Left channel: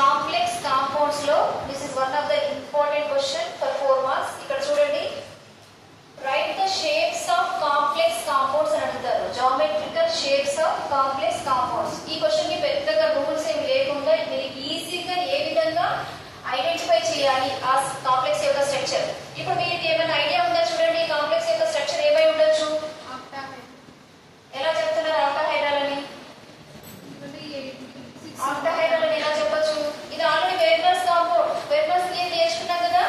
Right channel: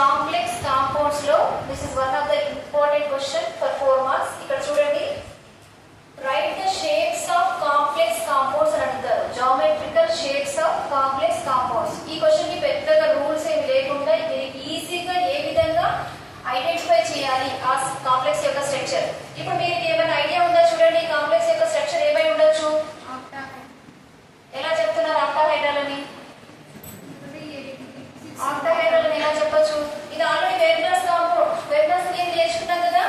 Complex compounds లో this is one of the important question for 4 marks. ఇక్కడ చూడండి, right the shapes of complex compounds అని అంటారు. Geometrical shapes of complex compounds. ఈ question కి పెద్దగా రూల్స్ ఏమి లేకుండా మీరు ఈజీగా ఏ విధంగా ఐడెంటిఫై చేయాలి ఆ కాంప్లెక్స్ యొక్క స్ట్రక్చర్. ఇప్పుడు మీకు ఏమైనా ఐడియా ఉందా? చూడండి, కాంప్లెక్స్ యొక్క స్ట్రక్చర్ ఏమై ఉండొచ్చు? ఎలా చెప్తున్నారు ఆక్టాహైడ్రల్ అని? ఆక్టాహైడ్రల్ అని ఎలా చెప్పొచ్చు? ఇది ఆల్రెడీ వెర్నర్స్ కాంపౌండ్, వెర్నర్స్ ఏం నేర్చుకున్నాం కదా,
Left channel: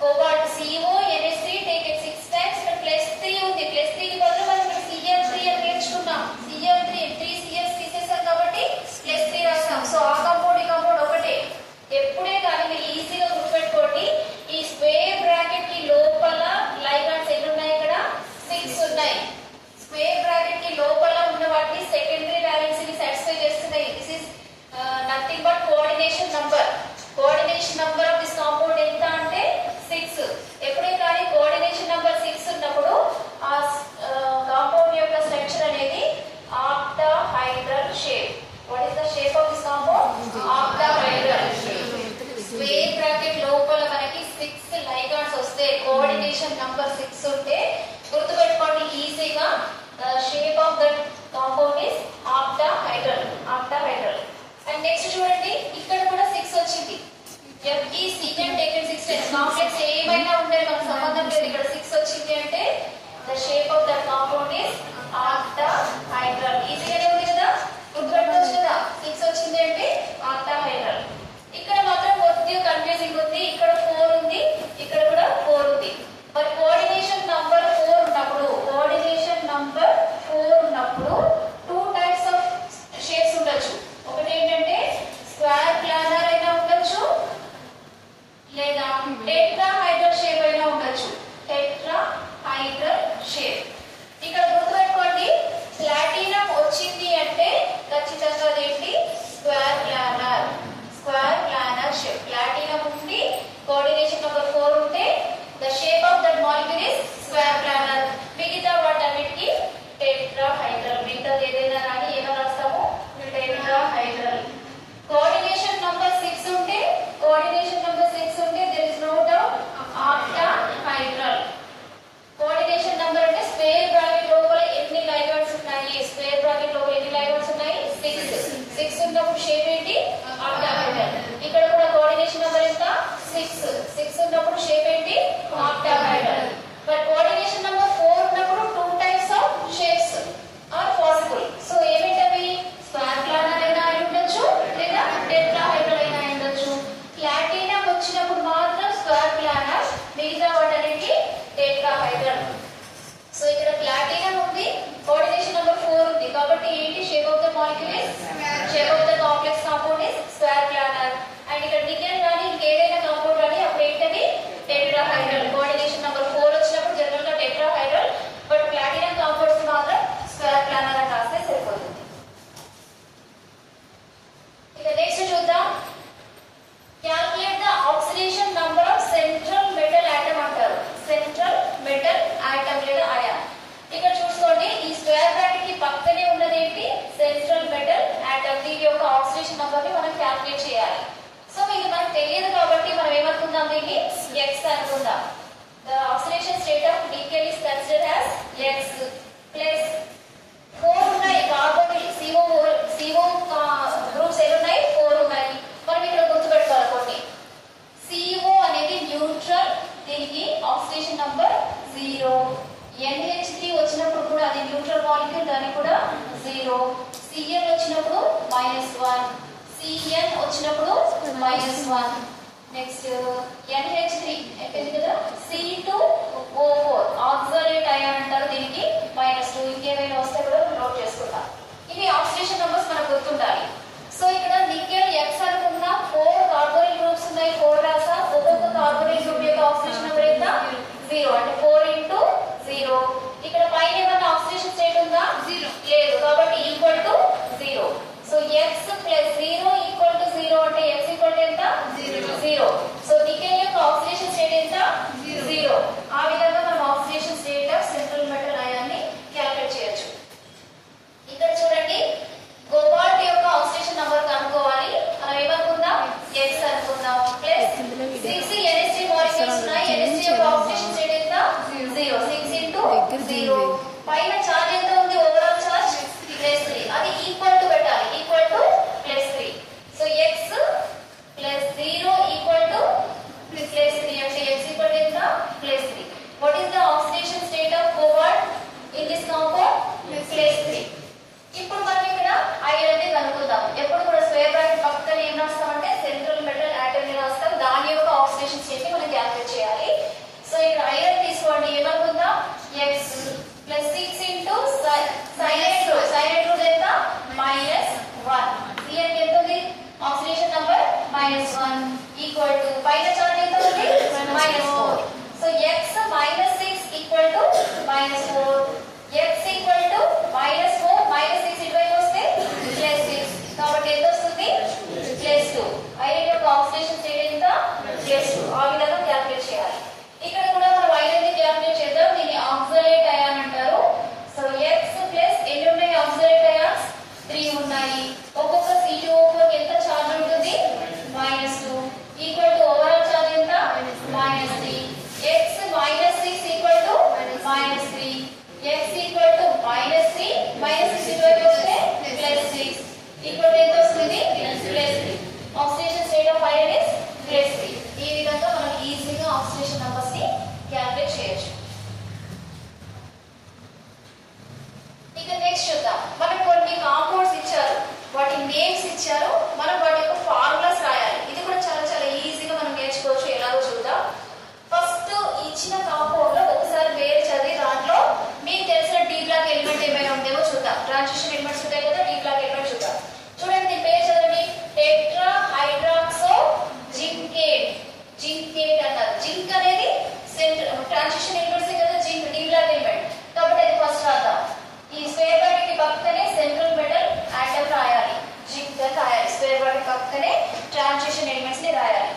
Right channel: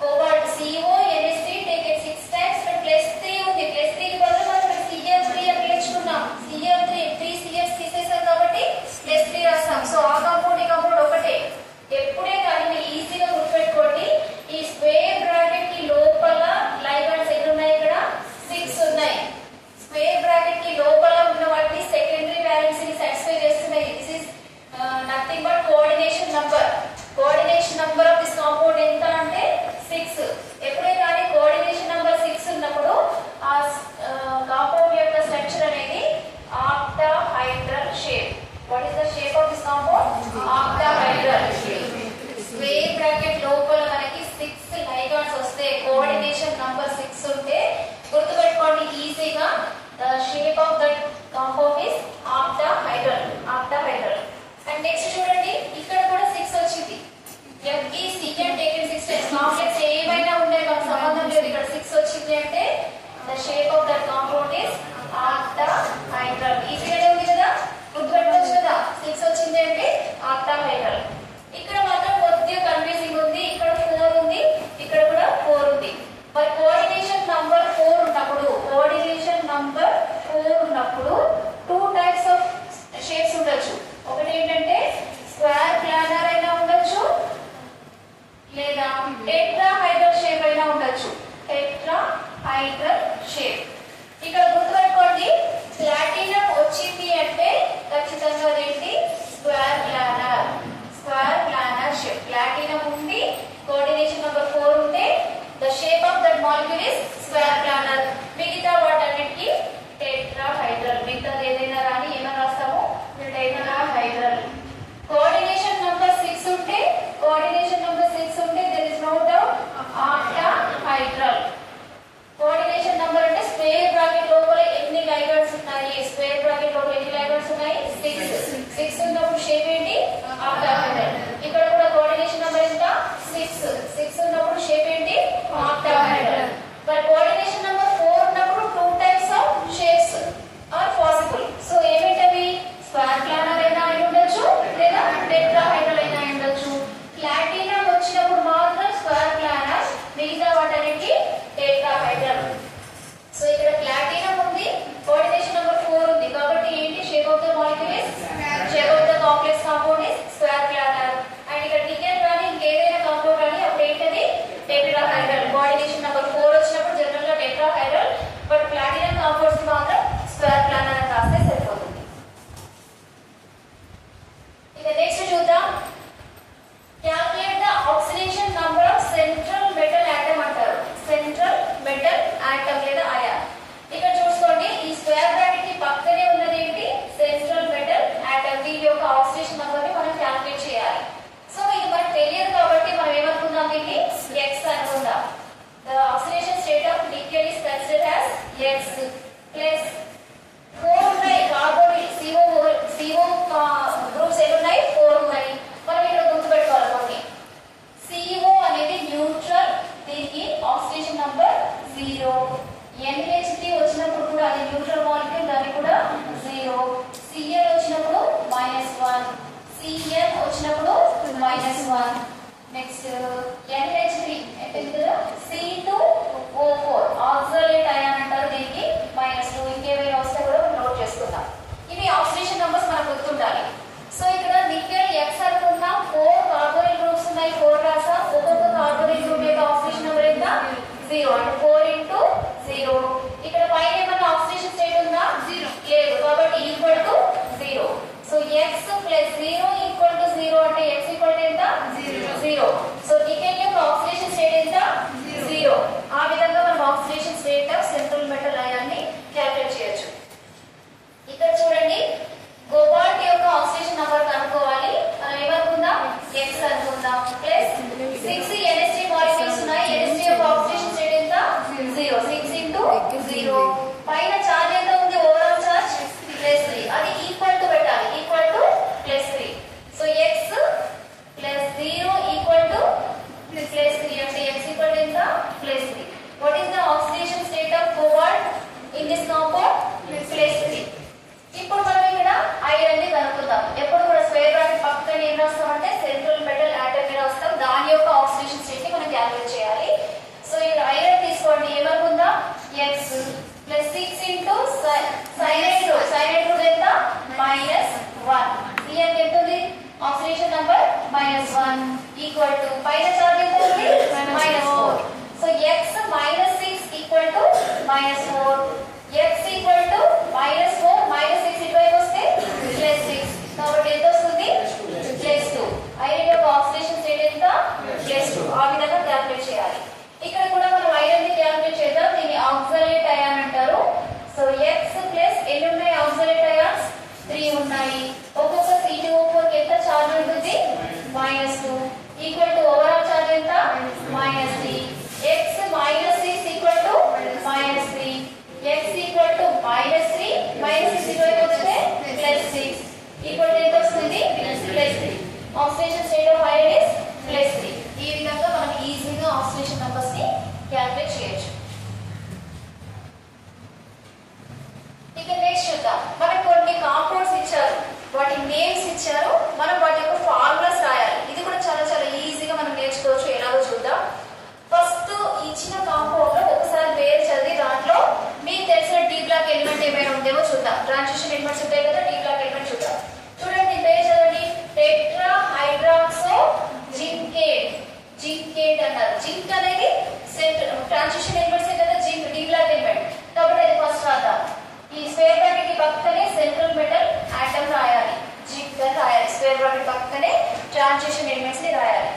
cobalt CONH3 take it 6 times, ఇక్కడ +3 ఉంది. +3 కి బదులు మనం ఇక్కడ CF3 అని నేర్చుకున్నాం. CF3 3 CF తీసేసాం కాబట్టి +3 రాస్తాం. సో ఆ కాంపౌండ్ ఈ కాంపౌండ్ ఒకటే. ఎప్పుడే కానీ మీరు ఈజీగా గుర్తుపెట్టుకోండి, ఈ స్క్వేర్ బ్రాకెట్ కి లోపల లైగాండ్స్ ఎన్ని ఉన్నాయి? ఇక్కడ 6 ఉన్నాయి. స్క్వేర్ బ్రాకెట్ కి లోపల ఉన్న వాటిని సెకండరీ వాల్యూస్ ని సాటిస్ఫై చేస్తున్నాయి. This is nothing but coordination number. Coordination number of this compound ఎంత అంటే 6. ఎప్పుడే కానీ కోఆర్డినేషన్ నంబర్ 6 ఉన్నప్పుడు ఆ కాంపౌండ్ యొక్క స్ట్రక్చర్ అనేది octahedral shape. What is the shape of this compound? Octahedral. Square bracket లోపల మనకి 6 లైగాండ్స్ వస్తే, కోఆర్డినేషన్ నంబర్ 6 ఉంటే గుర్తుపెట్టుకోండి ఈజీగా, the shape of that compound is octahedral. Octahedral. And next చూడండి, ఇక్కడ కూడా 6 వచ్చింది. FECN taken 6 times. కాంప్లెక్స్ ఏమైనా ఉండేది మనకు సంబంధం లేదు. ఇక్కడ 6 వచ్చింది అంటే the shape of that compound is octahedral. ఈజీగానే ఉంది కదా, గుర్తుపెట్టుకోవచ్చు కదా. 6 వచ్చింది అంటే ఆక్టాహైడ్రల్. ఇక్కడ మాత్రం కొద్దిగా కన్ఫ్యూజింగ్ ఉంది. ఇక్కడ 4 ఉంది, ఇక్కడ కూడా 4 ఉంది. మరి కోఆర్డినేషన్ నంబర్ 4 ఉన్నప్పుడు, కోఆర్డినేషన్ నంబర్ 4 ఉన్నప్పుడు 2 టైప్స్ ఆఫ్ షేప్స్ ఉండొచ్చు. ఒకటి ఏంటంటే స్క్వేర్ ప్లానర్ అయినా ఉండొచ్చు, లేదా టెట్రాహైడ్రల్ షేప్ అయినా ఉండొచ్చు. Tetrahedral shape. ఇక్కడ గుర్తుపెట్టుకోండి, ప్లాటినం వచ్చింది అంటే ఖచ్చితంగా అదేంటి? Square planar. Square planar shape. Platinum ఉండి కోఆర్డినేషన్ నంబర్ 4 ఉంటే the shape of that molecule is square planar. మిగతా వాటన్నిటికీ టెట్రాహైడ్రల్. మిగతాది ఏదైనా రాని ఏమైనా రాస్తాము? టెట్రాహైడ్రల్. కోఆర్డినేషన్ నంబర్ 6 ఉంటే, కోఆర్డినేషన్ నంబర్ 6 ఉంటే there is no doubt octahedral. Coordination number అంటే స్క్వేర్ బ్రాకెట్ లోపల ఎన్ని లైగాండ్స్ ఉన్నాయి? స్క్వేర్ బ్రాకెట్ లోపల ఎన్ని లైగాండ్స్ ఉన్నాయి? 6 ఉన్నప్పుడు షేప్ ఏంటి? ఆక్టాహైడ్రల్. ఇక్కడ కూడా కోఆర్డినేషన్ నంబర్ ఎంత? 6 ఉన్నప్పుడు షేప్ ఏంటి? ఆక్టాహైడ్రల్. బట్ కోఆర్డినేషన్ నంబర్ 4 ఉన్నప్పుడు 2 types of shapes are possible. So ఏమిటవి? స్క్వేర్ ప్లానర్ అయినా అయి ఉండొచ్చు, లేదా టెట్రాహైడ్రల్ అయినా అయి ఉండొచ్చు. ప్లాటినం వచ్చినప్పుడు మాత్రం స్క్వేర్ ప్లానర్, మిగతా వాటన్నిటికీ టెట్రాహైడ్రల్. సో ఇక్కడ ప్లాటినం ఉంది, కోఆర్డినేషన్ నంబర్ 4 ఉంది, కాబట్టి ఏంటి? Shape of the molecule is, shape of the complex compound is square planar. And ఇక్కడ డికెన్ కానీ ఇంకేదైనా కాంపౌండ్ కానీ అప్పుడు ఏంటది? టెట్రాహైడ్రల్. కోఆర్డినేషన్ నంబర్ 4 వచ్చినప్పుడు జనరల్ గా టెట్రాహైడ్రల్, బట్ ప్లాటినం కాంపౌండ్స్ మాత్రం స్క్వేర్ ప్లానర్ అని రాస్తే సరిపోతుంది. ఇక నెక్స్ట్ చూద్దాం. Calculate the oxidation number of central metal atom అంటారు. సెంట్రల్ మెటల్ ఆటమ్ లేదా అయాన్. ఇక్కడ చూసుకోండి, ఈ స్క్వేర్ బ్రాకెట్ కి పక్కనే ఉన్నది ఏంటి? Central metal atom. దీని యొక్క ఆక్సిడేషన్ నంబర్ ని మనం క్యాల్కులేట్ చేయాలి. సో ఇది మనకు తెలియదు కాబట్టి మనం ఏమనుకుందాం? దీన్ని X అనుకుందాం. The oxidation state of nickel is considered as X plus 4 ఉన్నాయి కార్బోనిల్ CO గ్రూప్స్ ఎన్ని ఉన్నాయి? 4 ఉన్నాయి. మనం ఇక్కడ గుర్తుపెట్టుకోవాలి కొన్ని. CO అనేది న్యూట్రల్, దీనికి ఆక్సిడేషన్ నంబర్ 0. NH3 వచ్చినప్పుడు కూడా అది న్యూట్రల్ మాలిక్యూల్, దానికి కూడా 0. Cl వచ్చినప్పుడు -1, Cn వచ్చినప్పుడు -1. నెక్స్ట్ NH3 అయిపోయింది కదా. C2O4 ఆక్సలేట్ అయాన్ అంటారు, దీనికి -2. ఇంకేమైనా వస్తే కూడా నోట్ చేసుకుందాం. ఇవి ఆక్సిడేషన్ నంబర్స్ మనకు గుర్తుండాలి. సో ఇక్కడ నికెల్ X అనుకుందాం, 4 కార్బోనిల్ గ్రూప్స్ ఉన్నాయి, 4 రాసా. ఒక్కొక్క కార్బోనిల్ గ్రూప్ యొక్క ఆక్సిడేషన్ నంబర్ ఎంత? 0. అంటే 4 into 0. ఇక్కడ పైన ఏమన్నా ఆక్సిడేషన్ స్టేట్ ఉందా? లేదు, కాబట్టి equal to 0. So X plus 0 equal to 0 అంటే X ఈక్వల్ టు ఎంత? 0. సో నికెల్ యొక్క ఆక్సిడేషన్ స్టేట్ ఎంత? 0. ఆ విధంగా మనం oxidation state of central metal ion ని క్యాల్కులేట్ చేయొచ్చు. ఇక్కడ చూడండి, కోబాల్ట్ యొక్క ఆక్సిడేషన్ నంబర్ కనుక్కోవాలి. మనం ఏమనుకుందాం? ఆక్సిడేషన్ నంబర్ -1 ఈక్వల్ టు పైన చార్జ్ ఎంత ఉంది -4. So x -6 equal to -4. x equal to -4 -6 ఇటువైపు వస్తే +6. కాబట్టి ఎంత వస్తుంది +2. ఐరన్ యొక్క ఆక్సిడేషన్ స్టేట్ ఎంత +2. ఆ విధంగా క్యాలిక్యులేట్ చేయాలి. ఇక్కడ కూడా మనం ఐరన్ ని క్యాలిక్యులేట్ చేద్దాం. దీన్ని ఆక్సలేట్ అయాన్ అంటారు. సో x ప్లస్ ఎన్ని ఉన్నాయి ఆక్సలేట్ అయాన్స్ 3 ఉన్నాయి. ఒక్కొక్క C2O4 కి ఎంత చార్జ్ ఉంటుంది -2 ఈక్వల్ టు ఓవరాల్ చార్జ్ ఎంత -3. x -6 equal to -3. x equal to -3 -6 ఇటువైపు వస్తే +6 ఈక్వల్ టు ఎంత వస్తుంది +3. Oxidation state of iron is +3. ఈ విధంగా మనం ఈజీగా ఆక్సిడేషన్ నంబర్స్ ని క్యాలిక్యులేట్ చేయొచ్చు. ఇక నెక్స్ట్ చూద్దాం. మనకు కొన్ని కాంపౌండ్స్ ఇచ్చారు, వాటి నేమ్స్ ఇచ్చారు, మనం వాటి యొక్క ఫార్ములాస్ రాయాలి. ఇది కూడా చాలా చాలా ఈజీగా మనం నేర్చుకోవచ్చు. ఎలాగో చూద్దాం. ఫస్ట్ ఇచ్చిన కాంపౌండ్ లో ఒకసారి పేరు చదివి దాంట్లో మీకు తెలిసిన డి బ్లాక్ ఎలిమెంట్ ఏమైనా ఉందేమో చూద్దాం. ట్రాన్సిషన్ ఎలిమెంట్స్ ఉంటాయి కదా, డి బ్లాక్ ఎలిమెంట్ చూద్దాం. చూడండి దీని పేరు చదవండి. Tetra hydroxo zincate. జింకేట్ అన్నారు. జింక్ అనేది ట్రాన్సిషన్ ఎలిమెంట్స్ కదా, జింక్ డి బ్లాక్ ఎలిమెంట్. కాబట్టి అది ఫస్ట్ రాద్దాం. ఈ స్క్వేర్ బ్రాకెట్ కి పక్కనే సెంట్రల్ మెటల్ ఆటమ్ రాయాలి, జింక్ అని రాయాలి. స్క్వేర్ బ్రాకెట్ పక్కనే ట్రాన్సిషన్ ఎలిమెంట్స్ ని రాయాలి.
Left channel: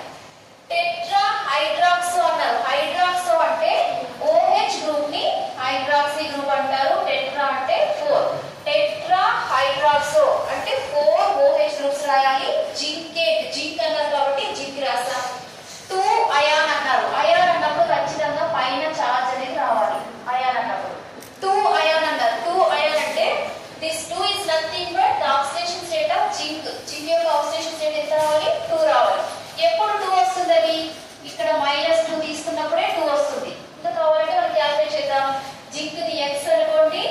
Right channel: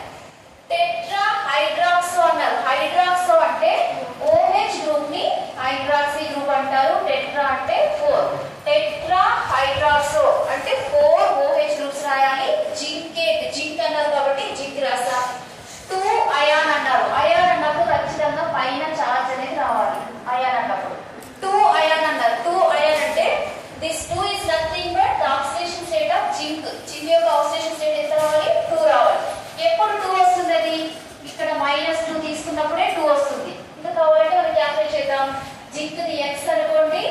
టెట్రా హైడ్రాక్సో అన్నారు. హైడ్రాక్సో అంటే OH గ్రూప్ ని హైడ్రాక్సీ గ్రూప్ అంటారు. టెట్రా అంటే 4. టెట్రా హైడ్రాక్సో అంటే 4 OH గ్రూప్స్ రాయాలి. జింకేట్ జింక్ అన్నారు కాబట్టి జింక్ రాసా. 2 అయాన్ అన్నారు. అయాన్ అన్నప్పుడు ఖచ్చితంగా పైన చార్జ్ అనేది రావాలి. అయాన్ అన్నప్పుడు 2 అయాన్ అన్నారు. 2 అయాన్ అంటే this 2 is nothing but the oxidation state of zinc. Zinc యొక్క ఆక్సిడేషన్ స్టేట్ ఎంత రావాలి 2 రావాలి. ఎప్పుడు 2 వస్తుంది? అది ఇక్కడ -2 తీసుకున్నప్పుడే 2 వస్తుంది. ఇంకా కావాలంటే మనం క్యాల్కులేట్ చేద్దాం. జింక్ ది x అనుకోండి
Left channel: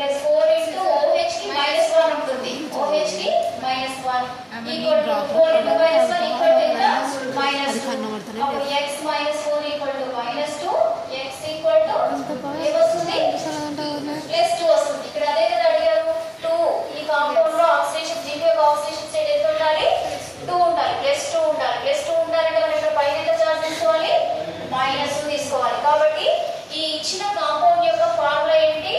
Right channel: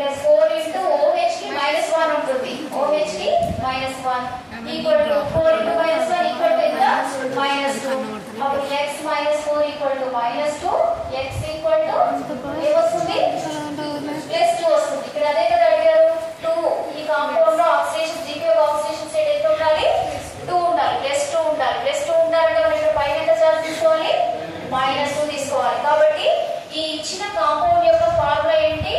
+4 * OH కి -1 ఉంటుంది. OH కి -1 ఈక్వల్ టు 4 * -1 ఈక్వల్ టు ఎంత -2. అప్పుడు x -4 equal to -2. x equal to ఏమొస్తుంది +2 వస్తుంది. ఇక్కడ అదే కదా అడిగారు 2. ఈ కాంపౌండ్ లో ఆక్సిడేషన్ జింక్ యొక్క ఆక్సిడేషన్ స్టేట్ ఎంత ఉండాలి 2 ఉండాలి. +2 ఉండాలి. +2 ఉండాలంటే మనం ఇక్కడ పైన ఎంత చార్జ్ తీసుకోవాలి -2 తీసుకోవాలి. కాబట్టి ఈ ఇచ్చిన కాంపౌండ్ యొక్క ఫార్ములా ఏంటి?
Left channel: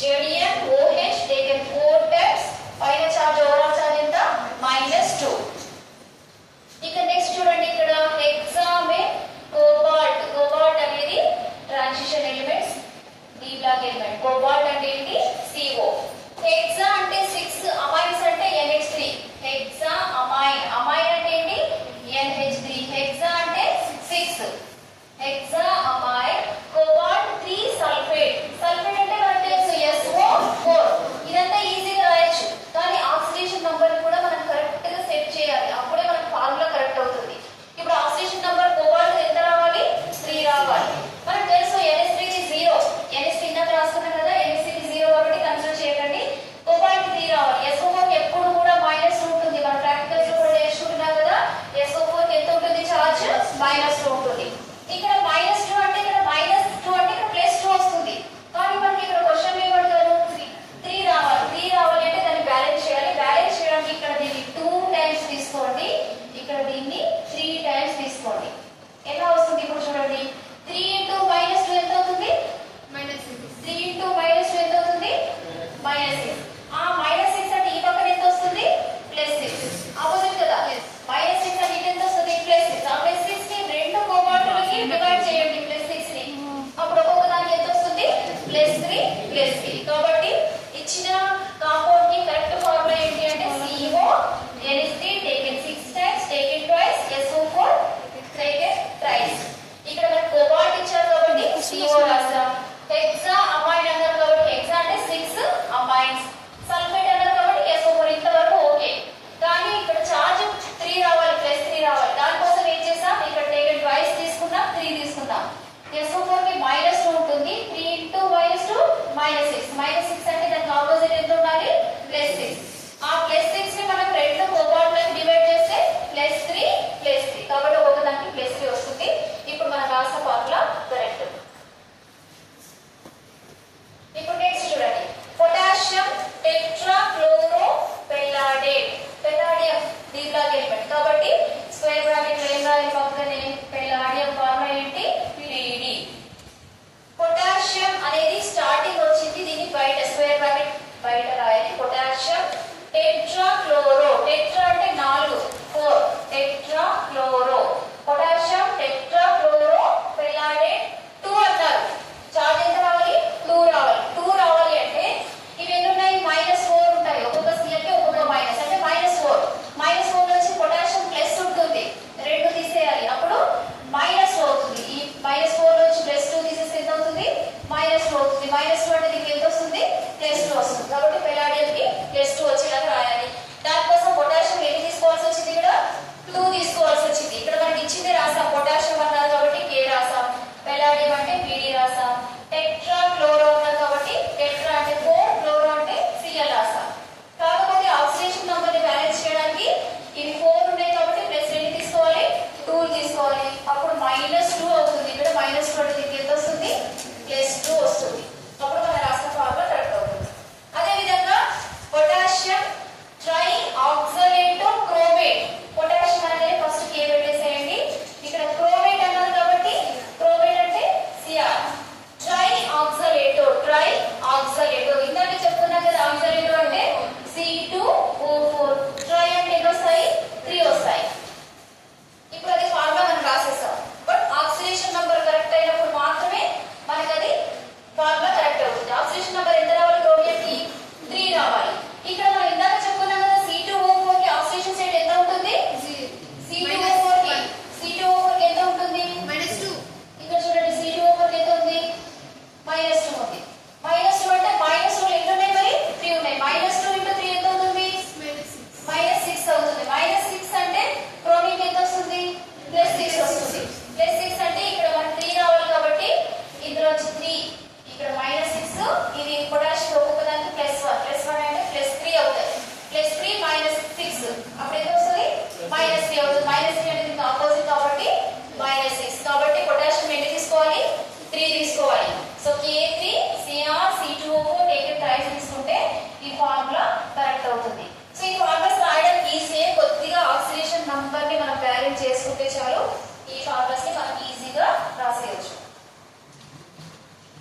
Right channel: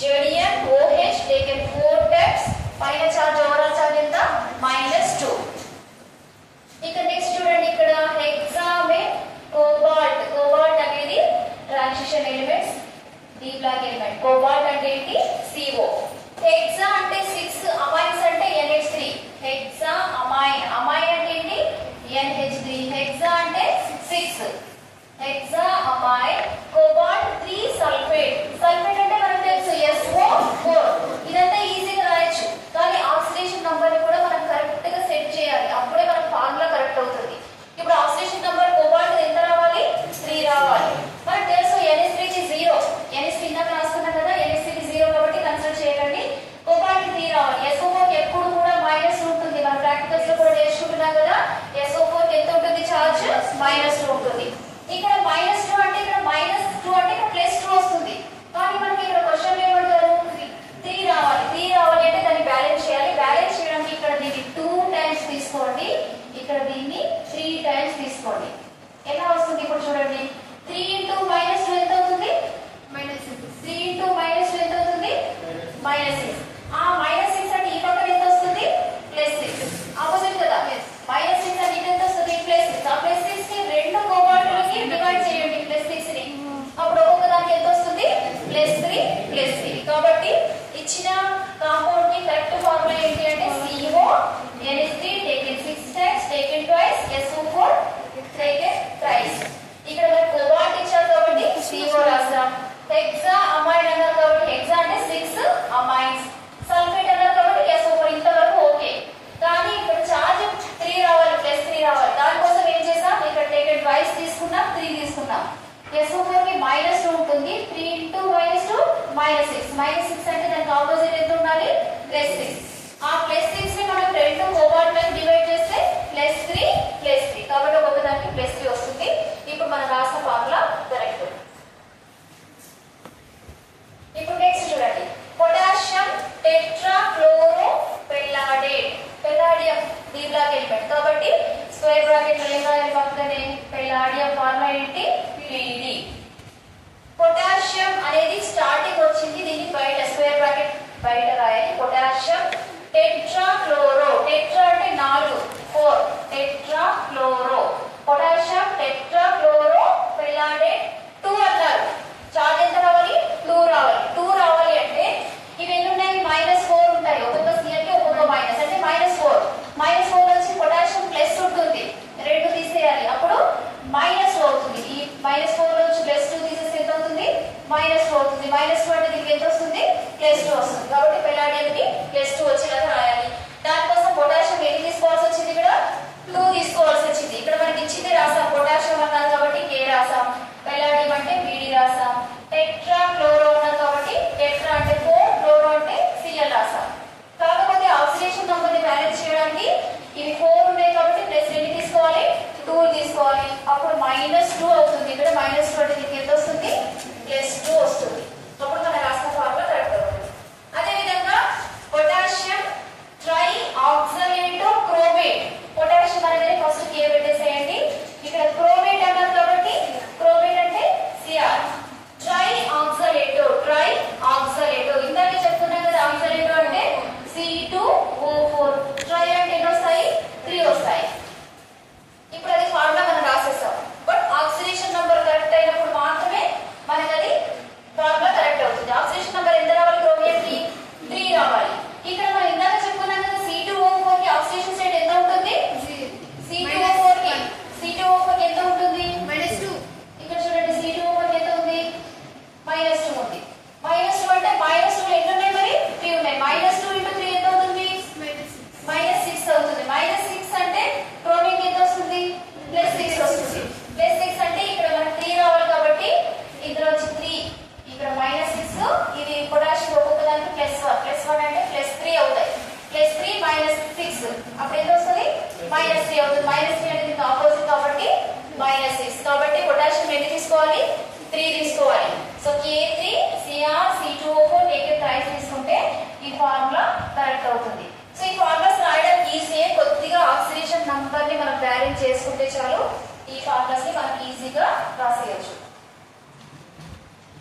ZnOH taken 4 times. పైన చార్జ్ ఓవరాల్ చార్జ్ ఎంత -2. ఇక నెక్స్ట్ చూడండి. ఇక్కడ హెక్సామెన్ కోబాల్ట్. కోబాల్ట్ అనేది transition elements D block element. Cobalt అంటే ఏంటి CO. హెక్సా అంటే 6, అమైన్స్ అంటే NH3. Hexa amine. అమైన్ అంటే ఏంటి NH3. హెక్సా అంటే 6. Hexa amine. Cobalt 3 sulphate. Sulphate అంటే మనకు తెలుసు SO4. ఇదంతా ఈజీగా రాయొచ్చు, కానీ ఆక్సిడేషన్ నంబర్ ని కూడా మనం కరెక్ట్ గా సెట్ చేయాలి. అప్పుడే మనకు ఫార్ములా కరెక్ట్ అవుతుంది. ఇప్పుడు ఆక్సిడేషన్ నంబర్ కోబాల్ట్ ఎంత రావాలి 3 రావాలి. మనకు తెలుసు NH3 కి 0. NH3 ఇందాక రాసుకున్నాం కదా, NH3 కి 0 కాబట్టి కన్సిడర్ చేయకండి. కోబాల్ట్ కి 3 రావాలి. SO4 కి ఎప్పుడు కూడా మైనస్ ఉంటుంది. మనం ప్రాక్టికల్స్ లో కూడా నేర్చుకుంటున్నాం కదా. SO4 కి ఎంత ఉంటుంది చార్జ్ -2 ఉంటుంది. ఇక్కడ -2 అంటే ఇక్కడ -2 అంటే ఇక్కడ +2 వస్తుంది. కానీ మనకి ఇక్కడ క్వశ్చన్ ఏమంటారు 3 రావాలి. 3 రావాలి అంటే దాన్ని బ్యాలెన్స్ చేయాలి. బ్యాలెన్స్ చేయడానికి ఇక్కడ దీన్ని 2 టైమ్స్ తీసుకోండి, ఇక్కడ దీన్ని 3 టైమ్స్ తీసుకోండి. ఎలా వస్తుంది ఇప్పుడు చూడండి. 3 * -2 ఎంత అవుతుంది -6. 3 * -2 ఎంత అవుతుంది -6. ఆ -6 అంటే ఈ పక్కన ఎంత వస్తుంది +6. ఆపోజిట్ కదా. -6 అంటే ఇటు ఎంత వస్తుంది +6. ఆ +6 ని 2 కోబాల్ట్లకి డివైడ్ చేయండి +6 ని. అప్పుడు ఒక్కొక్క దానికి ఎంత వస్తుంది +3 +3. కాబట్టి ఇచ్చిన కాంపౌండ్ కి కరెక్ట్ ఫార్ములా ఏంటి అంటే CO NH3 taken 6 times taken twice SO4 taken thrice. ఇక్కడ మనకు కోబాల్ట్ ఇచ్చారు కాబట్టి CO రాస్తాం. హెక్సా అమైన్ అన్నారు కాబట్టి హెక్సా అంటే 6 అమైన్స్. సల్ఫేట్ అన్నారు కాబట్టి SO4. ఇంతవరకు ఓకే. కానీ ఇక్కడ చార్జ్ 3 రావాలి, +3 రావాలి. దానికోసం ఏం చేసాం, ఇక్కడ టేకెన్ ట్వైస్ తీసుకున్నాం, 3 తీసుకున్నాం. SO4 కి -2 ఉంటుంది. 3 * -2 -6. -6 అంటే దానికి ఆపోజిట్ ఎంత ఉండాలి +6. ఆ +6 ని మనం 2 కోబాల్ట్లకి డివైడ్ చేస్తే +3 +3. కాబట్టి ఒక్కొక్క దానికి +3 వస్తుంది. ఇప్పుడు మనం రాసిన ఫార్ములా కరెక్ట్. ఇప్పుడు నెక్స్ట్ చూడండి. Potassium tetrachloro palladate. Palladium D block element కాబట్టి స్క్వేర్ బ్రాకెట్ లో ఏం రాయాలి పక్కనే పెల్లాడియం ఫార్ములా ఏంటి పిడి. పొటాషియం అనేది స్టార్టింగ్ వచ్చింది, దీన్ని బయట స్క్వేర్ బ్రాకెట్ బయట రాయాలి. పొటాషియం టెట్రాక్లోరో, టెట్రా అంటే 4 4 టెట్రాక్లోరో, పొటాషియం టెట్రాక్లోరో పెల్లాడేట్ 2 అన్నారు. చార్జ్ ఎంత రావాలి 2 రావాలి. 2 రావాలి అంటే ఇవి ఎన్ని ఉన్నాయి -4 ఉంటాయి, ఒక్కొక్క సిఎల్ కి ఒక్కొక్క మైనస్ అంటే -4. -4 నుంచి పొటాషియం ప్లస్ ఉంటుంది, 2 తీసేయాలి అప్పుడు -2 అవుతుంది. ఈ -4 నుంచి +2 తీసేస్తే ఎంత అవుతుంది -2 అవుతుంది. -2 అంటే దీనికి ఎంత వస్తుంది +2 వస్తుంది. కాబట్టి పెల్లాడియం కి +2 వచ్చేలాగా రాయాలి. దానికోసం పొటాషియం ఎన్ని తీసుకోవాల్సి వచ్చింది, ఇక్కడ 2 తీసుకోవాల్సి వచ్చింది. ఇక్కడ మనకి ఇచ్చింది రాసాం, పొటాషియం అన్నారు కాబట్టి K రాసాం, పెల్లాడియం అంటే BD రాసాం, టెట్రా క్లోరో అన్నారు కాబట్టి టెట్రా అంటే 4, క్లోరో అంటే Cl రాసాం. కాకపోతే ఆక్సిడేషన్ నంబర్ ని బ్యాలెన్స్ చేయడానికి ఇవి 4 ఉన్నాయి కాబట్టి ప్లస్ ఎన్ని తీసుకోవాలి 2 తీసుకోవాలి, అప్పుడు -2 అవుతుంది. ఇక్కడ -2 అంటే దీనికి ఎంత వస్తుంది +2 వస్తుంది. అప్పుడు మనం రాసిన ఫార్ములా కరెక్ట్ అవుతుంది. అదే విధంగా potassium try oxalate chromate, potassium అనేది ఫస్ట్ K పెట్టేసేయండి. ఇక్కడ క్రోమేట్ అన్నారు కాబట్టి క్రోమేట్ అంటే Cr. ట్రై ఆక్సలేటో, ట్రై ఆక్సలేటో ఇందాక చెప్పుకున్నాం కదా, ఆక్సలేటో అంటే C2O4, ట్రై అంటే ఎన్ని వస్తాయి 3 వస్తాయి. ఇప్పుడు అది ఫార్ములా మనం రాసేస్తాం. బట్ ఆక్సిడేషన్ నంబర్ కరెక్ట్ అయినప్పుడు మాత్రమే మనకి అది ఫార్ములా కరెక్ట్ అవుతుంది. ఆక్సిడేషన్ నంబర్ ఎంత రావాలి క్రోమియం కి 3 రావాలి. ఇక్కడ మనం ఇందాక చెప్పుకున్నాం కదా, C2O4 కి ఆక్సిడేషన్ స్టేట్ ఎంత ఉంటుంది C2O4 కి ఎంత ఉంటుంది -2. ఇక్కడ చూడండి C2O4 కి ఎంత ఉంది -2 ఉంది. -2 అంటే -2 ఎన్ని ఉన్నాయి మరి 3 ఉన్నాయి. -2 × 3 ఎంత అవుతుంది -6 అవుతుంది. -6 అంటే క్రోమియం ఎంత వస్తుంది +6 వస్తుంది. +6 అంటే ఇక్కడ మనకి 3 రావాలి కాబట్టి ఇందులో వచ్చి 3, ఇక్కడ -6, ఇది పొటాషియం ఒక్కొక్క దానికి +1 అంటే +3 అవుతాయి. +3 -6 అప్పుడు ఎంత వస్తుంది -3 అవుతుంది. -3 అంటే దీనికి ఆపోజిట్ కాబట్టి -6. కాబట్టి పొటాషియం ఎన్ని తీసుకోవాలి 3 తీసుకోవాలి. So K3 Cr C2O4 taken tries తీసుకుంటే ఈ ఫార్ములా కరెక్ట్ అవుతుంది. సో ఈ ఫార్ములాస్ రాయడం ఈజీయే, కొద్దిగా ఆక్సిడేషన్ నంబర్ ని మనం బ్యాలెన్స్ చేసుకుంటే చాలు ఈ ఫార్ములాస్ ని మనం ఈజీగా రాసేయచ్చు.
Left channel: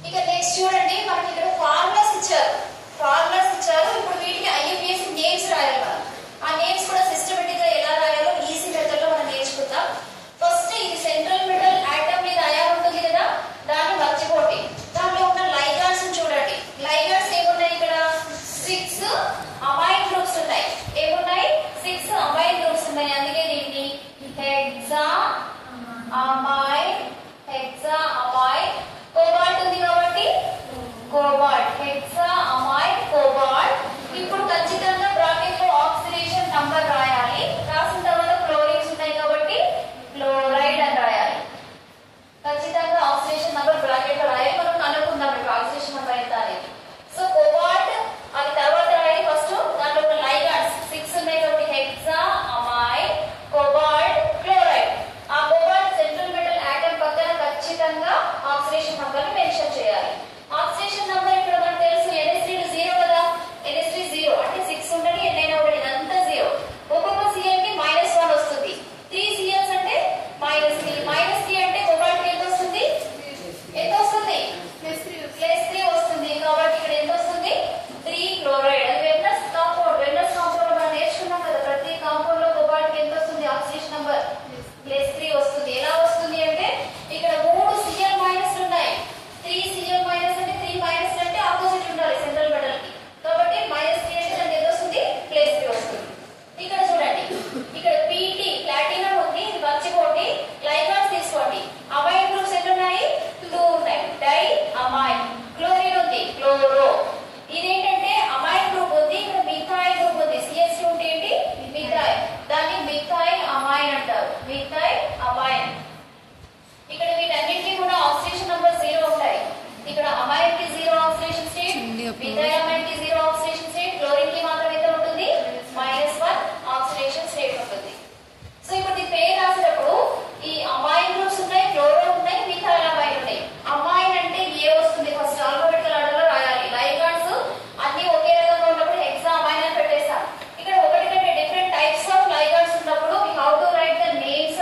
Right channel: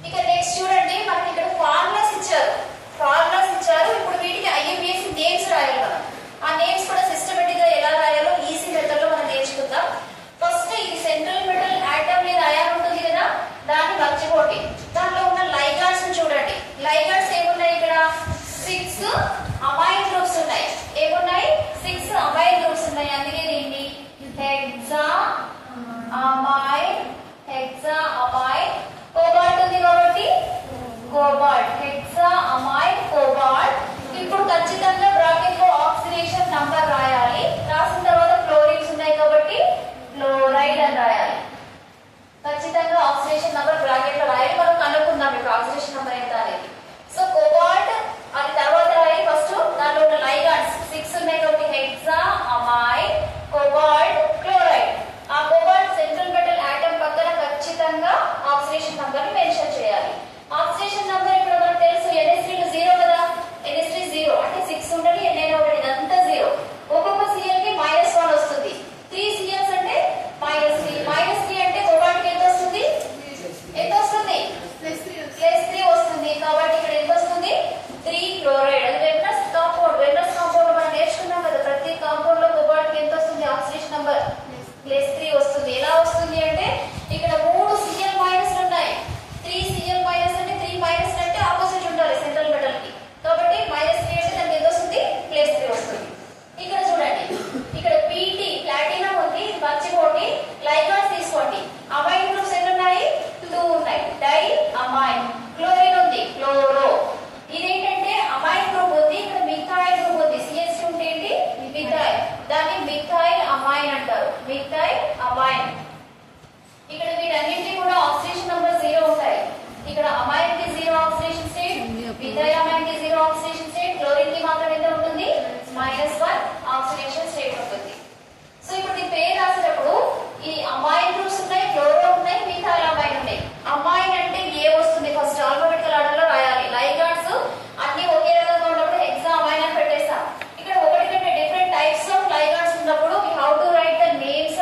ఇక నెక్స్ట్ చూడండి, మనకి ఇక్కడ ఫార్ములాస్ ఇచ్చారు. ఇప్పుడు వీటికి IUPAC నేమ్స్ రాయాలి మనం. ఆ నేమ్స్ కూడా సిస్టమేటిక్ గా ఎలా రాయాలో ఈజీ మెథడ్ లో మనం నేర్చుకుందాం. ఫస్ట్ ఇది సెంట్రల్ మెటల్ ఆటమ్ మీద అయాన్ ఉంటుంది కదా, దాన్ని మర్చిపోండి. దాంట్లో ఉన్న లైగాండ్స్ చూడండి. లైగాండ్స్ ఏమున్నాయి ఇక్కడ 6 అమైన్ గ్రూప్స్ ఉన్నాయి. ఏమున్నాయి 6 అమైన్ గ్రూప్స్ ఉన్నాయి. అందుకే దీన్ని హెక్సా అమైన్ కోబాల్ట్ ఉంది కాబట్టి కోబాల్ట్, హెక్సా అమైన్ కోబాల్ట్. ఇప్పుడు ఖచ్చితంగా బ్రాకెట్ లో ఆక్సిడేషన్ నంబర్ రాయాలి. రాసిన తర్వాత క్లోరిన్స్ ఉన్నాయి కాబట్టి క్లోరైడ్ అని రాయాలి. ఖచ్చితంగా ఆక్సిడేషన్ నంబర్ బ్రాకెట్ లో రాయాలి. మనం కనుక్కుందాం ఇప్పుడు ఆక్సిడేషన్ నంబర్ ఎంత అనేది. సో కోబాల్ట్ అది తర్వాత రాయాలి. ఫస్ట్ దాంట్లో ఉన్న లైగాండ్స్ 6 ఉన్నాయి కాబట్టి హెక్సా అమైన్ కోబాల్ట్ క్లోరైడ్. ఆ కోబాల్ట్ సెంట్రల్ మెటల్ ఆటమ్ పక్కన ఖచ్చితంగా ఆక్సిడేషన్ నంబర్ ని మెన్షన్ చేయాలి. ఆక్సిడేషన్ నంబర్ ఇప్పుడు మనకు తెలుసు NH3 0 కదా, NH3 0 అంటే 6 ఉండాలి, ఎన్నైనా ఉండాలి, ఇదంతా 0. ఒక్కొక్క Cl కి -1 వస్తుంది. 3 Cls అంటే -3 అంటే కోబాల్ట్ కి ఎంత వస్తుంది +3 వస్తుంది. కాబట్టి ఇక్కడ ఎంత వస్తుంది 3 క్లోరైడ్. అది వెర్నస్ కాంపౌండ్ మనం నేర్చుకున్నాం కదా, ప్రతి కాంపౌండ్ లో కోబాల్ట్ కి ఎంత వస్తుంది ఆక్సిడేషన్ నంబర్ +3 వస్తుంది. ఎలా వస్తుంది అంటే ఇక్కడ 3 Cl మైనస్లు ఉన్నాయి. 3 Cl మైనస్ అంటే 3 అంటే ఆపోజిట్ ఉండాలి సెంట్రల్ మెటల్ కి, కాబట్టి -3 అంటే దానికి ఎంత వస్తుంది +3 వస్తుంది. ఇక్కడ చూడండి, ఇక్కడ PT ప్లాటినం ఉంది, మర్చిపోండి. లైగాండ్స్ తీసుకోండి. అమైన్ గ్రూప్స్ ఎన్ని ఉన్నాయి 2 ఉన్నాయి. Di amine. క్లోరిన్ ఉంది క్లోరో. ఇదేంటంటే అమైన్ గ్రూప్ ఉంది, ఇక్కడ మిథైల్ గ్రూప్ ఉంది. CH2 ఉంటే ఏంటి మిథైల్, దాన్ని మిథైల్ అమైన్ అంటారు. Methyl amine. ఇక్కడ వీటన్నింటినీ కూడా ఆక్సిడేషన్ నంబర్ 0 ఉంటాయి. ఇక్కడ అమైన్ కి 0 ఆక్సిడేషన్ స్టేట్, మిథైల్ అమైన్ కి 0 ఆక్సిడేషన్ స్టేట్, క్లోరిన్ కి మాత్రం ఎంత ఉంటుంది -1 ఆక్సిడేషన్ స్టేట్ ఉంటుంది. సో ఇప్పుడు ఈ పేరు రాసేటప్పుడు ఈ అమైన్ గ్రూప్స్ ఉన్నాయి, క్లోరో ఉన్నాయి, మిథైల్ అమైన్ ఉన్నాయి. అమైన్ అంటే ఏ వస్తుంది ఫస్ట్ ఆల్ఫాబెటికల్ ఆర్డర్ లో రాయాలి. లైగాండ్స్ అన్ని ఒకే రకంగా ఉన్నప్పుడు హెక్సా అమైన్ అని పెట్టేస్తాం. ఇక్కడ ఒకటి కంటే డిఫరెంట్ టైప్స్ ఆఫ్ లైగాండ్స్ ఉన్నప్పుడు we have to write the names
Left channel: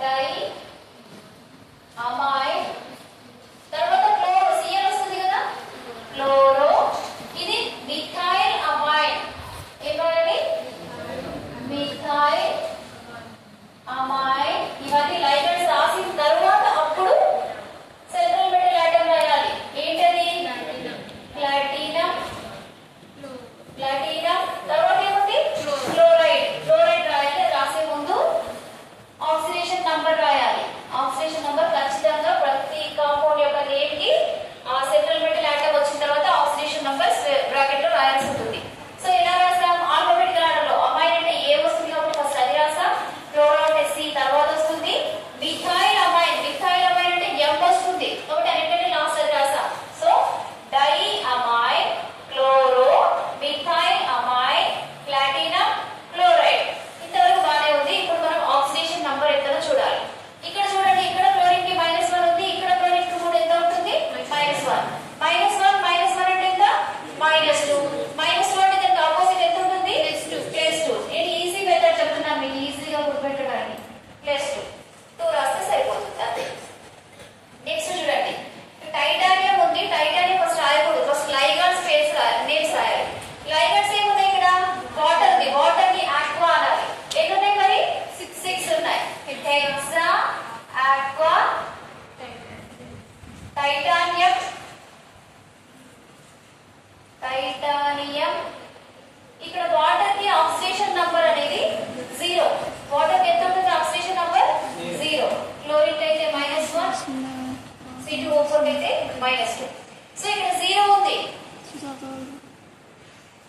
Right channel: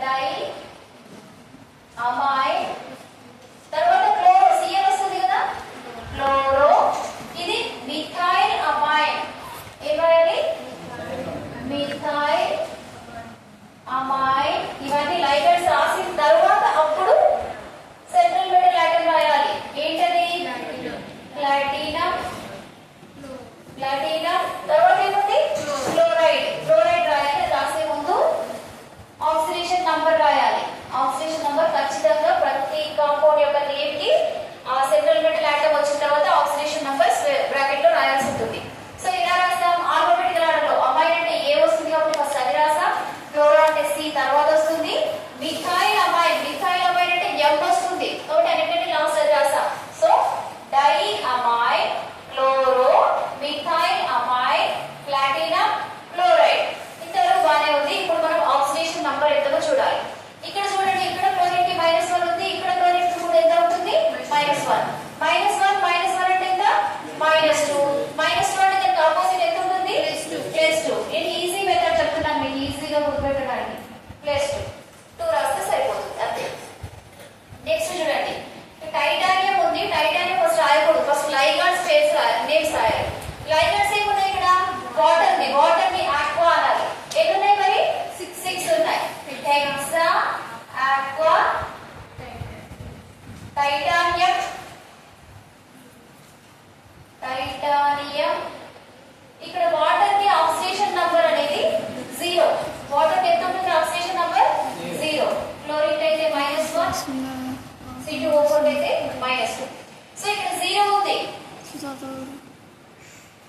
di amine, తర్వాత క్లోరో సిఎల్ వస్తుంది కదా, క్లోరో. ఇది మిథైల్ అమైన్. ఏం రాయాలి? Methyl amine. ఇవన్నీ లైగండ్స్ రాసిన తర్వాత అప్పుడు సెంట్రల్ మెటల్ ఆటమ్ రాయాలి. ఏంటది? ప్లాటినం. ప్లాటినం తర్వాత ఏముంది? క్లోరైడ్. క్లోరైడ్ రాయాలి. రాసే ముందు ఆక్సిడేషన్ నంబర్ రాయాలి. ఆక్సిడేషన్ నంబర్ ఖచ్చితంగా ప్రతి కాంపౌండ్ యొక్క నేమ్ కి ఆ సెంట్రల్ మెటల్ ఆటమ్ వచ్చిన తర్వాత ఆక్సిడేషన్ నంబర్ బ్రాకెట్ లో రాయాల్సి ఉంటుంది. సో ఎలా రాస్తాం? ఆల్ఫాబెటికల్ ఆర్డర్ లో. అమైన్ అంటే ఏ వస్తుంది కాబట్టి ఫస్ట్ అది రాసాం. క్లోరో అంటే సి తర్వాత వస్తుంది. Methyl amine. మిథైల్ అమైన్ అంటే ఎం వస్తుంది కాబట్టి అన్నిటికంటే లాస్ట్ అది రాసాం. So di amine, chloro, methyl amine, platinum, chloride. ఇంతవరకు బానే ఉంది. ఇప్పుడు మనం ఆక్సిడేషన్ నంబర్ ఎంతనో చూడాలి. ఇక్కడ చూడండి, ఇక్కడ క్లోరిన్ కి -1 ఉంది, ఇక్కడ క్లోరిన్ కి కూడా ఎంత ఉంటుంది? -1. -1 అంటే ఎంత? -2. -2 అంటే దానికి ఆపోజిట్ ఎంత ఉంటుంది? +2. నేను ఈజీ మెథడ్ చెప్తున్నాను మీకు ఈజీగా గుర్తుపెట్టడానికి. +2. 2 రాస్తే సరిపోతుంది అంతే. నెక్స్ట్ చూడండి, టైటానియం ఉంది. టైటానియం ఫస్ట్ రాయకూడదు. ఫస్ట్ లైగాండ్స్ నేమ్స్ రాయాలి. లైగాండ్స్ ఏమున్నాయి ఇక్కడ? వాటర్ ఉంది. వాటర్ ని ఆక్వా అనాలి. ఎన్ని ఉన్నాయి మరి? 6 ఉన్నాయి. Hexa, aqua, titanium, titanium. ఇక్కడ వాటర్ కి ఆక్సిడేషన్ నంబర్ అనేది 0. వాటర్ కి ఎంత ఉంటుంది ఆక్సిడేషన్ నంబర్? 0. క్లోరిన్ అయితే -1, C2O4 అయితే -2. సో ఇక్కడ 0 ఉంది.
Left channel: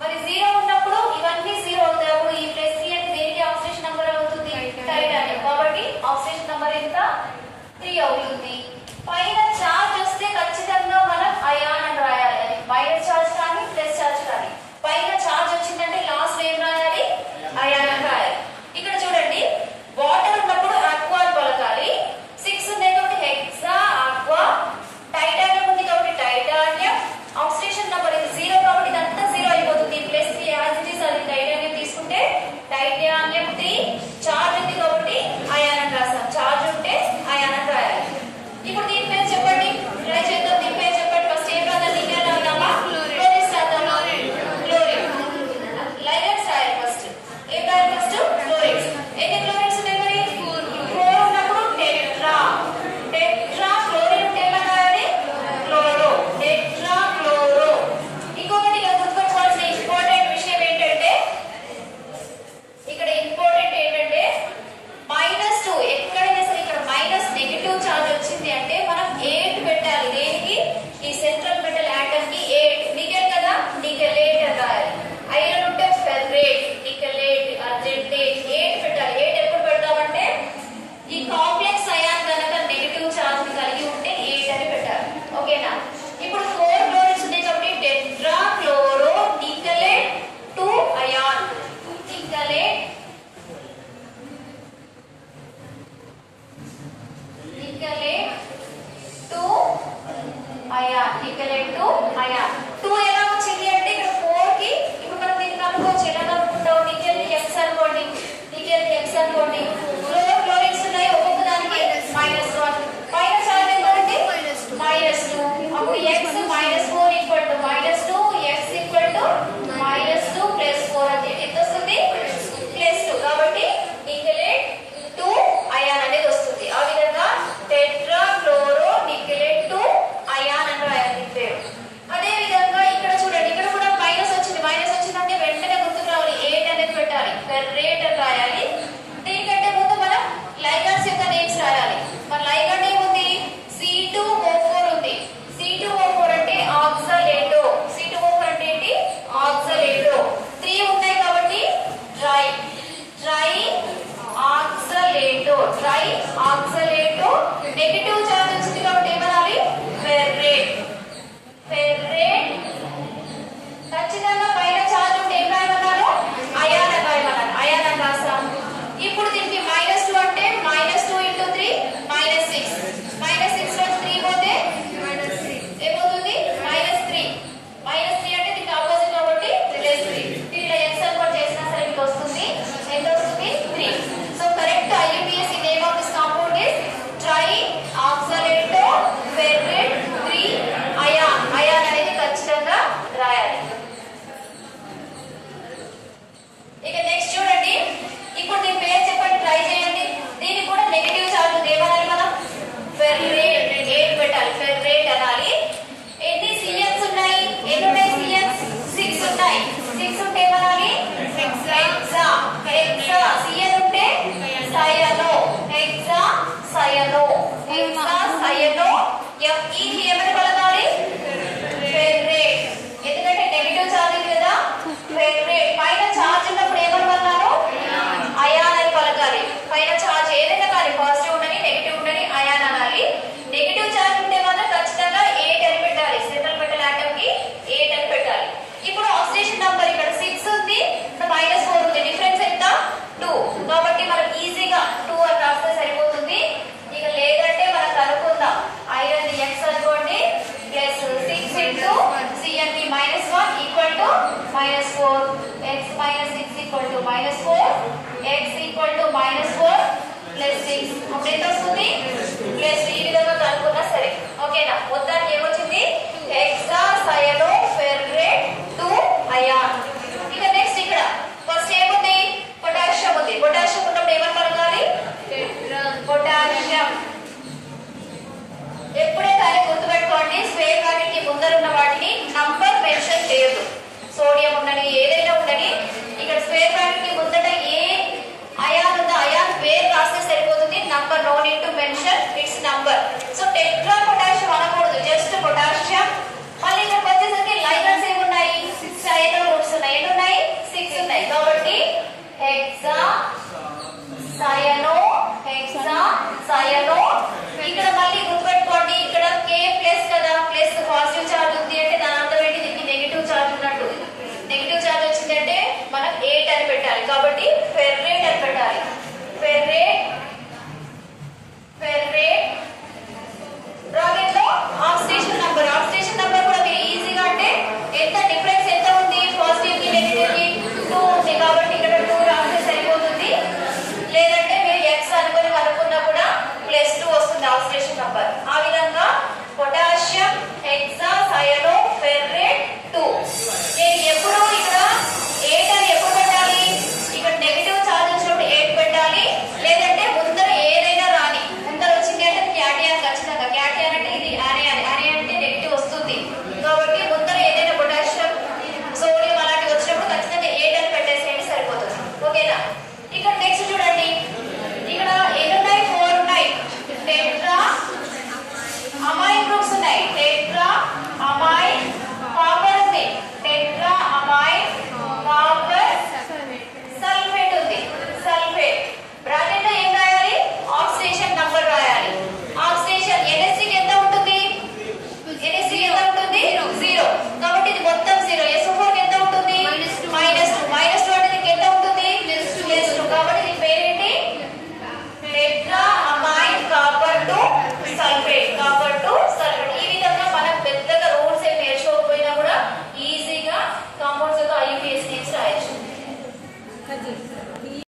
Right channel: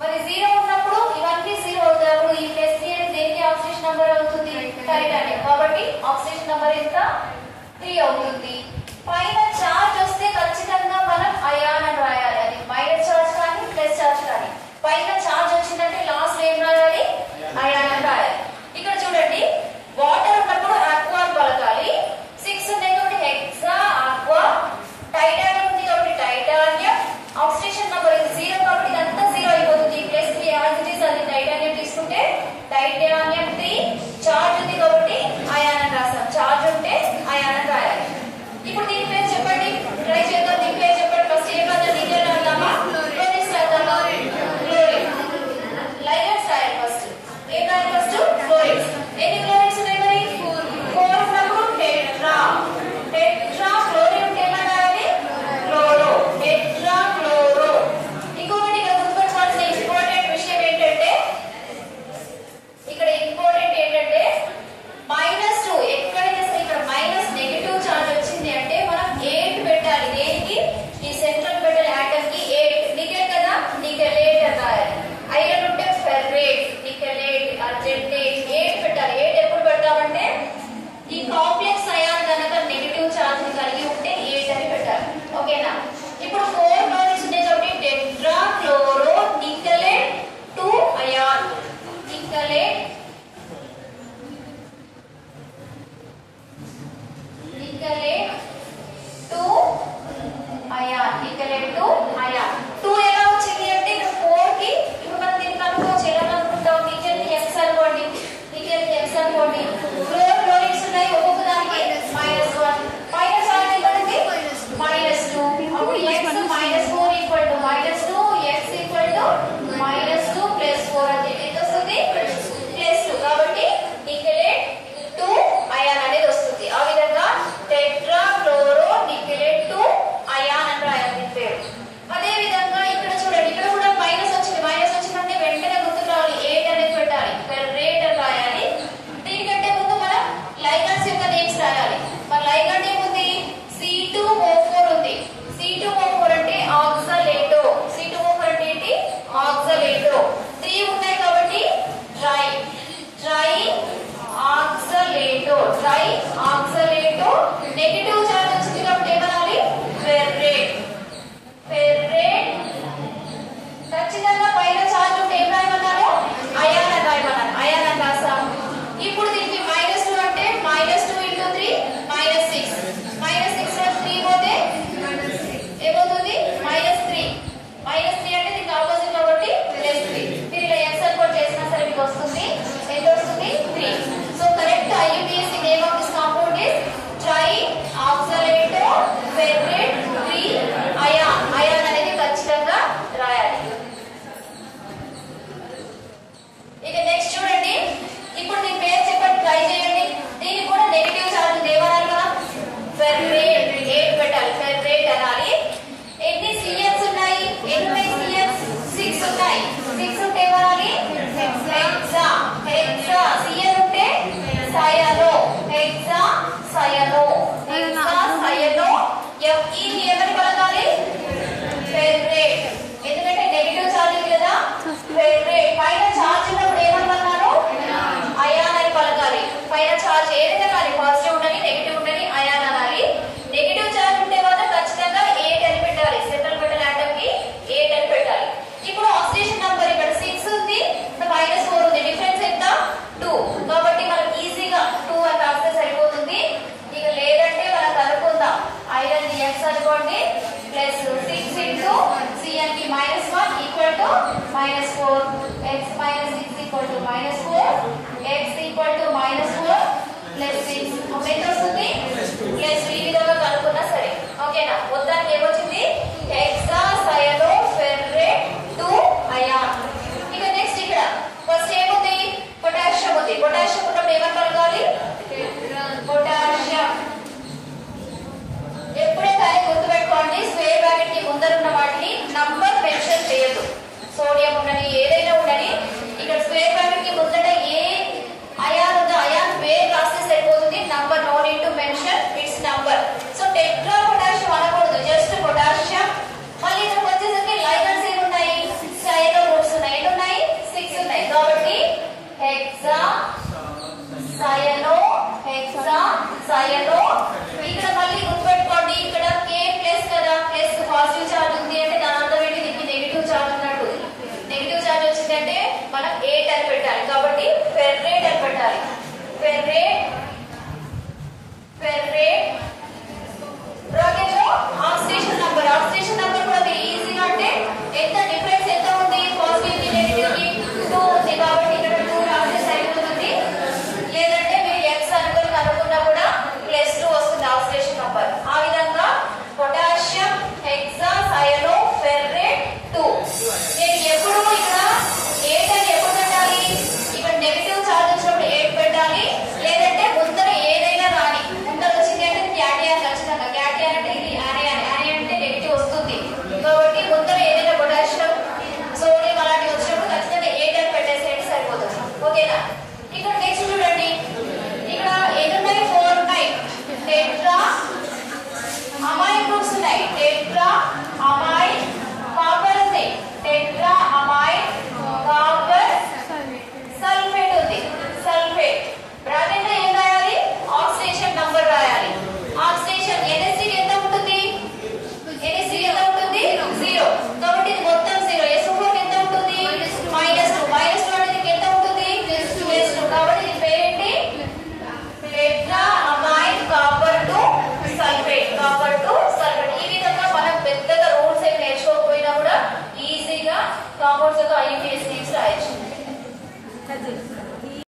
మరి 0 ఉన్నప్పుడు ఇవన్నీ 0 అవుతాయి. అప్పుడు ఈ +3 అంటే దేనికి ఆక్సిడేషన్ నంబర్ అవుతుంది? టైటానియం. కాబట్టి ఆక్సిడేషన్ నంబర్ ఎంత? 3 అవుతుంది. పైన చార్జ్ వస్తే ఖచ్చితంగా మనం అయాన్ అని రాయాలి. అది మైనస్ చార్జ్ కానీ ప్లస్ చార్జ్ కానీ. పైన చార్జ్ వచ్చిందంటే లాస్ట్ ఏం రాయాలి? అయాన్ అని రాయాలి. ఇక్కడ చూడండి, వాటర్ ఉన్నప్పుడు ఆక్వా అని పలకాలి. 6 ఉన్నాయి కాబట్టి హెక్సా, ఆక్వా. టైటానియం ఉంది కాబట్టి టైటానియం. ఆక్సిడేషన్ నంబర్ 0 కాబట్టి ఇదంతా 0 అయిపోతుంది. +3 యాజ్ ఇట్ ఈస్ అది టైటానియం తీసుకుంటే టైటానియం 3. చార్జ్ ఉంది కాబట్టి అయాన్ అని రాసాం. చార్జ్ ఉంటే అయాన్ అని రాయాలి. ఇప్పుడు దీని పేరు చెప్పండి, ట్రై చేద్దాం. దీని పేరు చెప్పండి. ఫస్ట్ ఏం రాద్దాం? నికెల్ రాద్దామా? క్లోరిన్ రాద్దామా? క్లోరిన్. లైగండ్స్ రాయాలి ఫస్ట్. ఏం రాయాలి ఫస్ట్? క్లోరిన్స్. ఎన్ని క్లోరిన్స్ ఉన్నాయి మరి? 4 ఉన్నప్పుడు టెట్రా. టెట్రా. క్లోరిన్ ఉంటే ఎలా రాయాలి? క్లోరో. Tetra chloro. ఇంకొకటి ఇక్కడ గుర్తుపెట్టుకోవాల్సిన ఇంపార్టెంట్ విషయం ఏంటంటే, ఇక్కడ ఇంపార్టెంట్ ఏంటంటే -2. ఎక్కడైనా సరే ఇక్కడ నెగటివ్ చార్జ్ వచ్చింది అంటే మనం 8 పెట్టాలి. దేనికి? ఈ సెంట్రల్ మెటల్ ఆటమ్ కి 8. నికెల్ కదా, నికెలేట్ అని రాయాలి. ఐరన్ ఉంటే ఫెర్రేట్, నికెలేట్, అర్జెంటేట్. 8 పెట్టాలి. 8 ఎప్పుడు పెడతామంటే ఈ కాంప్లెక్స్ అయాన్ కనుక నెగటివ్ చార్జ్ ని కలిగి ఉంటే 8 అని పెట్టాలి. ఓకేనా? ఇప్పుడు 4 క్లోరిన్స్ ఉన్నాయి కాబట్టి tetra chloro nickelate 2 ion. Nickelate, nickelate 2 ion. Nickelate 2 ion. 2 ఎలా వచ్చింది అంటే ఇక్కడ 4 కి ఇప్పుడు మనం దీన్ని కనుక్కోవచ్చు. ఎలా కనుక్కుంటాం? నికెల్ కి X అనుకోండి, నికెల్ కి X అనుకోండి. క్లోరిన్స్ ఉన్నాయి, ఒక్కొక్క దానికి -1. పైన చార్జ్ ఎంత అంటే -2. అప్పుడు X -4 equal to -2, X equal to -2 + 4 అంటే ఎంత వస్తుంది? +2. కాబట్టి నికెలేట్ 2 అయాన్ అనేది వస్తుంది. ఆ విధంగా టెట్రా క్లోరో నికెలేట్ 2 అయాన్ అని రాయాలి దీని పేరు. అదే విధంగా ఇక్కడ చూడండి, ఇక్కడ కూడా మైనస్ వచ్చింది. మైనస్ వచ్చిందంటే వెంటనే గుర్తుకు రావాలి, 8 అనేది పెట్టాలి. ఫెర్రేట్ అని రాయాలి. దీనికంటే ముందు మనం లైగాండ్స్ యొక్క నేమ్స్ రాయాలి. మన లైగాండ్ ఏముంది? C2O4 ఉంది. C2O4 అంటే ఆక్సలేటో. C2O4 అంటే ఏంటి? ఆక్సలేటో. 3 ఉన్నాయి కాబట్టి tri. Tri oxalato. Tri oxalato. Negative charge వచ్చింది కాబట్టి ఏమనాలి? ఫెర్రేట్. ఫెర్రేట్. ఖచ్చితంగా పైన చార్జ్ ఉంటే ఏం రాయమన్నారు? అయాన్ అని రాయమన్నారు. అయాన్ అని రాసాం. ఇప్పుడు దీనికి -2 అంటే -2 × 3 -6. -6 లో 3 పోతే ఏమవుతుంది? -3. -3 అంటే దీనికి ఆపోజిట్ కాబట్టి +3. మీరు ఇలా X అనుకోని చేసినా సరే మీకు వస్తుంది. ఎంత వస్తుంది? 3. So correct IUPAC name of this compound hexa CN ఉంటే cyano hexa cyano hexa cyano FE ఏమని పలకాలి ఫెర్రేట్ ఎందుకంటే నెగటివ్ ఛార్జింగ్ కదా ఫెర్రేట్ పైన ఛార్జ్ ఉన్నప్పుడు ఏమని పలకాను అయాన్ అని పలకాలి పైన ఛార్జ్ ఏదైనా కానీ పాజిటివ్ ఉండని నెగటివ్ ఉండని అయాన్ అనాలి నెగటివ్ ఛార్జ్ ఉంటే మాత్రం ఖచ్చితంగా 8 అని పెట్టాలి సెంట్రల్ మెటల్ ఆటమ్ కి 8 అని పెట్టాలి ఇప్పుడు ఆక్సిడేషన్ నంబర్ ఇక్కడ 6 ఉంది -4 ఉంది డిఫరెన్స్ ఎంత 2 కాబట్టి మనం ఈజీగా 2 అని రాస్తే సరిపోతుంది ఇక లేదంటే మనం కనుక్కుందాం ఐరన్ x అనుకోండి plus 6 into CnP -1 equal to -4 x -6 equal to -4 x equal to -4 plus 6 అప్పుడు ఎంత వస్తుంది ప్లస్ ఈ విధంగా కనుక్కున్నా సరే ఓకేనా మొత్తానికి ఏమొచ్చింది హెక్సా సయనో ఫెర్రేట్ 2 అయాన్ ఇక నెక్స్ట్ ఇక్కడ ఫస్ట్ ఏముంది పొటాషియం ఉంది పొటాషియం ఉన్నప్పుడు ఏమని పలకాలి పొటాషియం ఎప్పుడే కానీ గుర్తుపెట్టుకోండి స్క్వేర్ బ్రాకెట్ కి ముందరున్న వాటిని నంబర్ మెన్షన్ చేయొద్దు సోడియం ఉండని ఏదైనా ఉండని ఇక్కడ స్క్వేర్ బ్రాకెట్ కి ముందట ఏ అయాన్ ఉందో అయాన్ పేరు రాస్తే సరిపోతుంది number no need to mention its number so tetra potassium అనకూడదు జస్ట్ పొటాషియం మళ్ళీ ఇక్కడికి వచ్చేసరికి లైగన్స్ ఏమి ఉన్నాయి 6 సయనో గ్రూప్స్ ఉన్నాయి ఎన్ని ఉన్నాయి 6 ఉన్నాయి కాబట్టి హెక్సా సయనో ఇక్కడ మళ్ళీ